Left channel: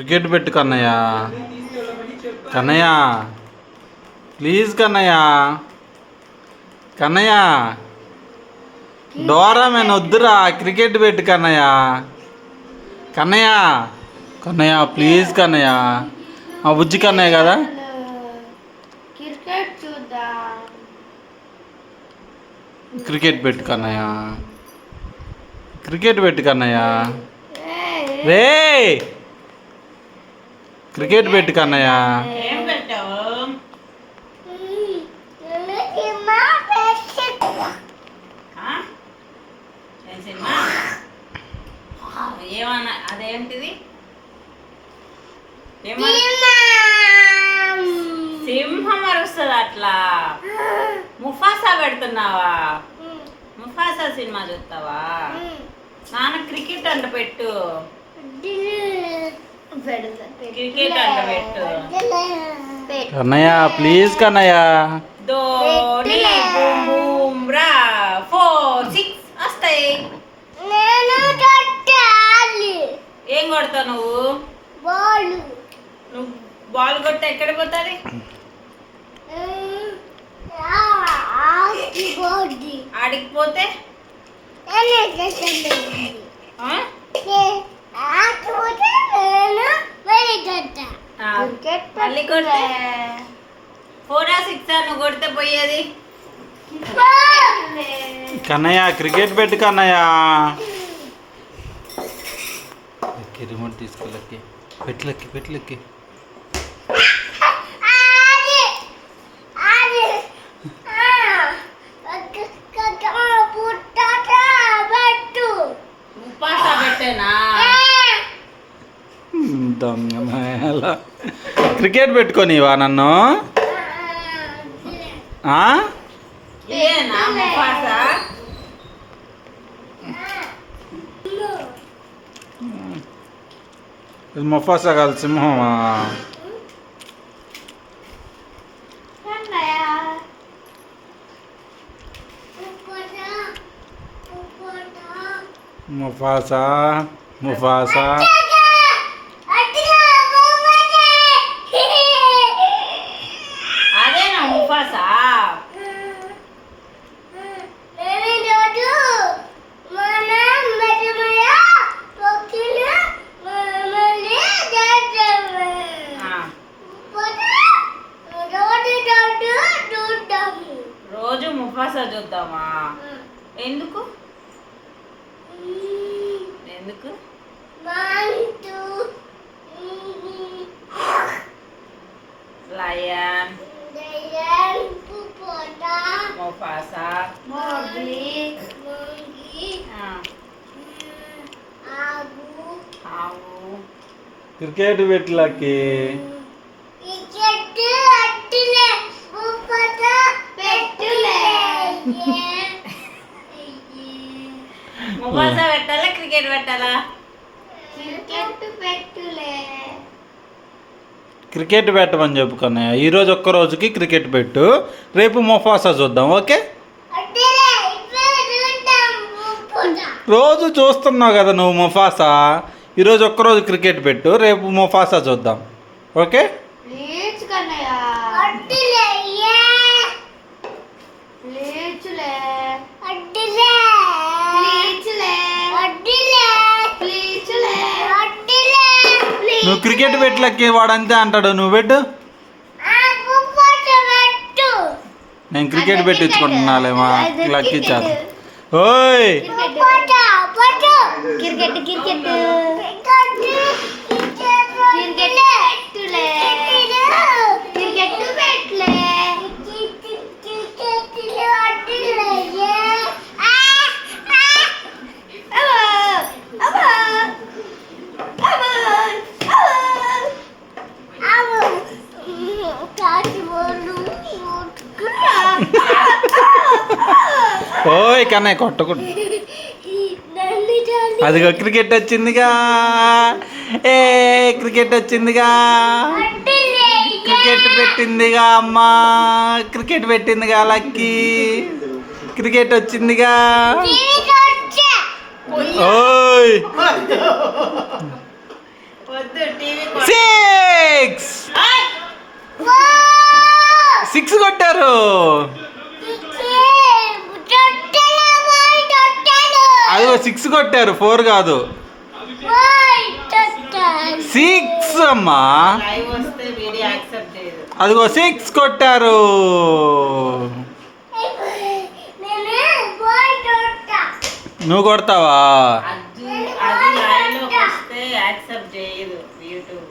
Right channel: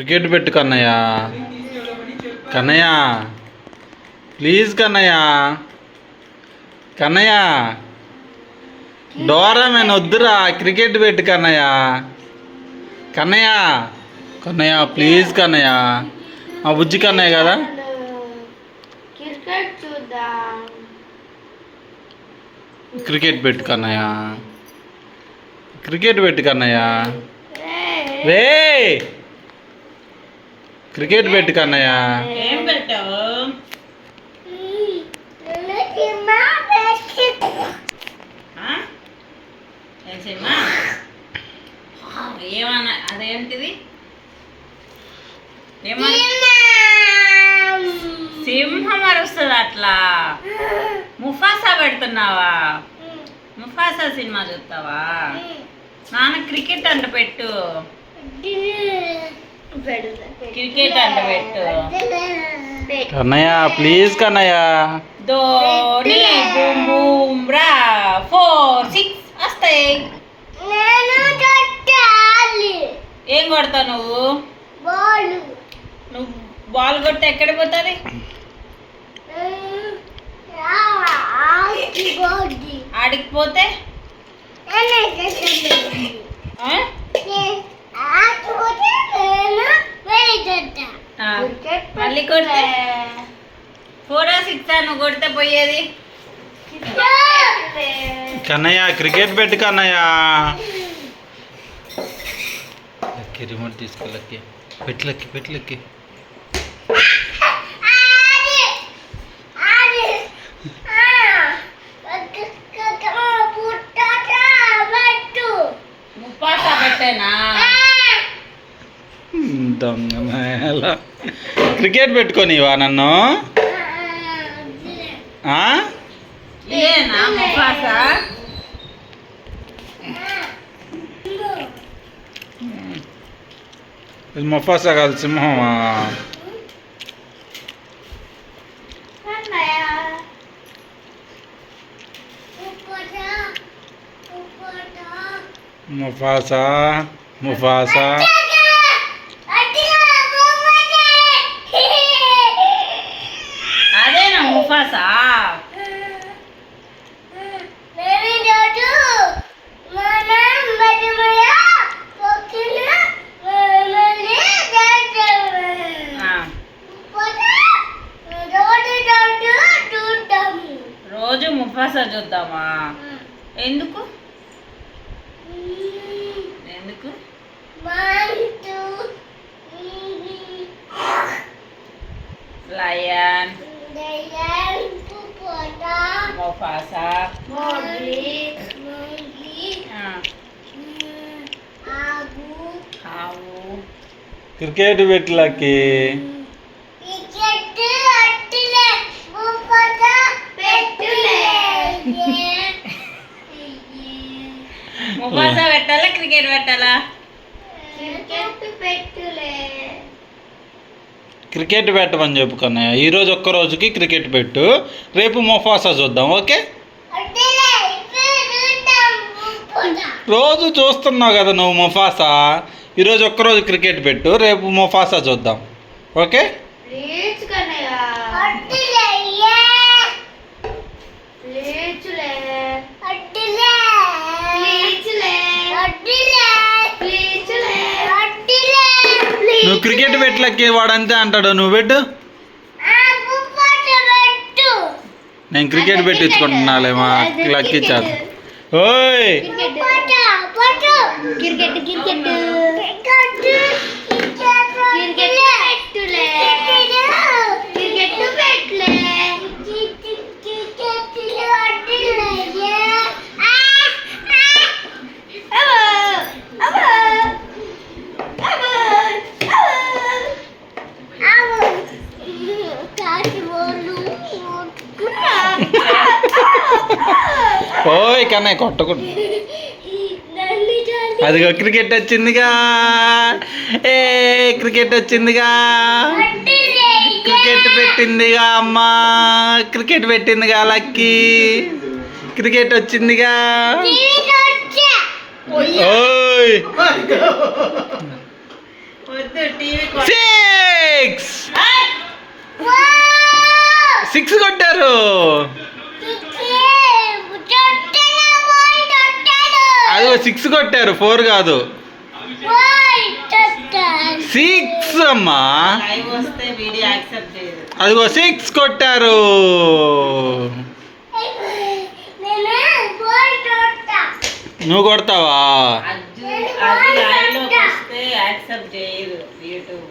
Cricket పెట్టు Kannayya. Kannayya please Kannayya. Kannayya Dora మేము వద్దురా, క్రికెట్ పెట్టు కన్నయ్య. కన్నయ్య కన్నయ్య ప్లీజ్ కన్నయ్య. మా బుజ్జి కన్నయ్య కదా. క్రికెట్ పెట్టు కన్నయ్య. క్రికెట్ పెట్టు కన్నయ్య. రే క్రికెట్ పెట్టు కన్నయ్య. ఏమన్నా అదేంటిది? సింహం అరుస్తుంది అట్లా. ముఫాసా పెడుతున్నావా? ముఫాసా సినిమా చూస్తావా? నాన్న క్రికెట్ అంట పెట్టు. క్రికెట్ అంట పెట్టు Kannayya please Kannayya. Dhoni boom boom రా 4 6 వస్తాయి. ఏం కొడతావు నువ్వు? నువ్వు బాల్ కొట్టి ఎక్కడ పోతుంది? ఆడికిపోతే మళ్ళీ కొడితే 4 6 నువ్వు కొడితే పోయేది. కన్నయ్య క్రికెట్ పెట్టు కన్నయ్య. రిమోట్ తీసుకోలక్కి పెట్లక్కి పెట్లక్కి. ముప్పాసా పెట్టేనా? దొంగ మేళ. క్రికెట్ పెట్టుకోనివా నన్ను? ఇదేనా ముప్పాసా? ఇది ముఫాసా కాదు, సింహమా? Mufasa Mufasa. అదేనా ముఫాసా? రోజు ముఫాసా చూద్దామా? ఎందుకు ఎందుకు? లయన్ ముఫాసా ఆవు. క్రికెట్ పెట్టులకి. ముఫాసా పెట్టాలా క్రికెట్ పెట్టాలా? క్రికెట్ పెట్టమని చెప్పు కన్నయ్య. ఈరోజు ఒక్క రోజుకి క్రికెట్ పెట్టు, రేపు ముఫాసా చూద్దాం. ఓకే? రోజు చూస్తున్నావు కదా నువ్వు ముఫాసా. ఈరోజు ఒక్కరోజు క్రికెట్ పెట్టు, రేపు ముఫాసా చూద్దాం. ఓకే? నువ్వు క్రికెట్ పెట్టలకి వాడంతే అంటాడు. నువ్వు పెట్టు. నేను క్రికెట్ పెట్టించుకుంటున్నాలేమా లక్కీ చాలు. ఓయ్ క్రికెట్ క్రికెట్ ఓయ్ కన్నయ్య కొట్టకూడదు. అదిగో క్రికెట్ వచ్చిందిగా. ఏ క్రికెట్ వచ్చిందిగా. క్రికెట్ పెట్టిందిగా అమ్మా. Cricket పెట్టిందిగా lucky. క్రికెట్ వచ్చిందిగా. ఓయ్ వద్దు టీవీ 6 కొట్టారు. అదిగో 6 కొట్టారు, 4 కాదు. 6 అమ్మా. లైవ్ వస్తే వీడియో యాక్సెప్ట్ చేయదు. అదిగో 6 కొట్టారు. నువ్వు కొడతావా? అది లైవ్ లోకి వస్తే యాక్సెప్ట్ చేయదు యూట్యూబ్.